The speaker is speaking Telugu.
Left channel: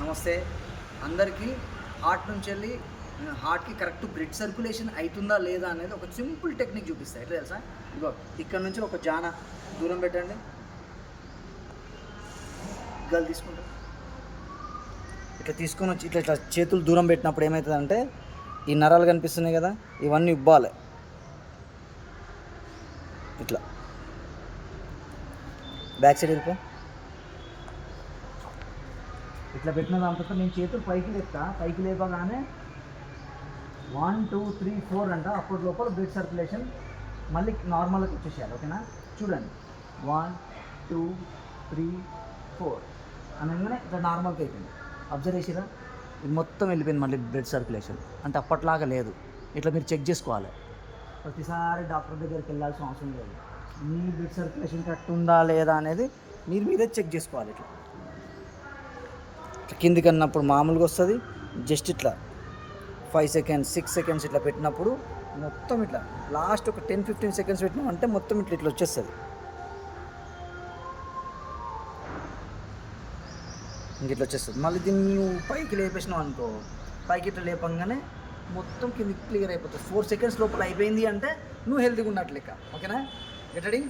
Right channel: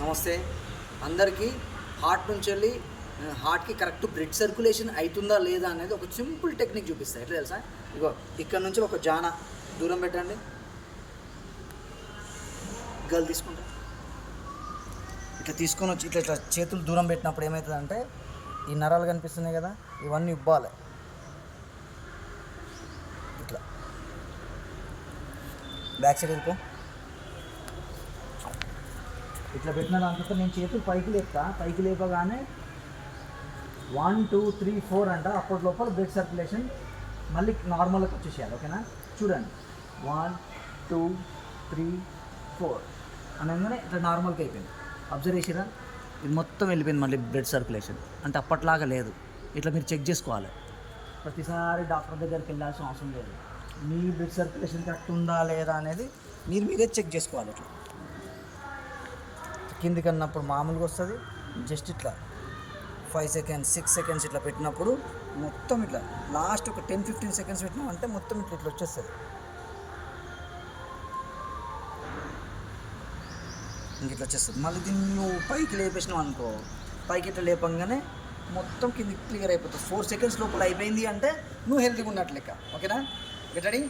నమస్తే అందరికీ. హార్ట్ నుంచి వెళ్ళి హార్ట్కి కరెక్ట్ బ్లడ్ సర్క్యులేషన్ అవుతుందా లేదా అనేది ఒక సింపుల్ టెక్నిక్ చూపిస్తాను. ఎట్లా తెలుసా? ఇగో ఇక్కడ నుంచి ఒక జాన దూరం పెట్టండి, గల్ తీసుకుంటా. ఇట్లా తీసుకొని వచ్చి ఇట్లా ఇట్లా చేతులు దూరం పెట్టినప్పుడు ఏమవుతుందంటే ఈ నరాలు కనిపిస్తున్నాయి కదా, ఇవన్నీ ఇవ్వాలి. ఇట్లా బ్యాక్ సైడ్ వెళ్ళిపో. ఇట్లా పెట్టిన దాంతో నేను చేతులు పైకి లేపుతా. పైకి లేపగానే 1 2 3 4 అంట. అప్పటి లోపల బ్లడ్ సర్క్యులేషన్ మళ్ళీ నార్మల్గా వచ్చేసేయాలి. ఓకేనా? చూడండి, 1 2 3 4 అనగానే ఇట్లా నార్మల్గా అయిపోయింది. అబ్జర్వ్ చేసిరా? ఇది మొత్తం వెళ్ళిపోయింది మళ్ళీ బ్లడ్ సర్క్యులేషన్. అంటే అప్పట్లాగా లేదు. ఇట్లా మీరు చెక్ చేసుకోవాలి. ప్రతిసారి డాక్టర్ దగ్గరికి వెళ్ళాల్సిన అవసరం లేదు. మీ బ్లడ్ సర్క్యులేషన్ కరెక్ట్ ఉందా లేదా అనేది మీరే చెక్ చేసుకోవాలి. ఇట్లా కిందికి అన్నప్పుడు మామూలుగా వస్తుంది. జస్ట్ ఇట్లా 5 సెకండ్స్ 6 సెకండ్స్ ఇట్లా పెట్టినప్పుడు మొత్తం ఇట్లా లాస్ట్ ఒక 10-15 సెకండ్స్ పెట్టినామంటే మొత్తం ఇట్లా ఇట్లా వచ్చేస్తుంది. ఇంక ఇట్లా వచ్చేస్తుంది. మళ్ళీ దీన్ని నువ్వు పైకి లేపేసినావు అనుకో, పైకి ఇట్లా లేపంగానే మొత్తం కిందికి క్లియర్ అయిపోతుంది. 4 సెకండ్స్ లోపల అయిపోయింది అంటే నువ్వు హెల్తీగా ఉన్నట్లు లెక్క. ఓకేనా? Get ready.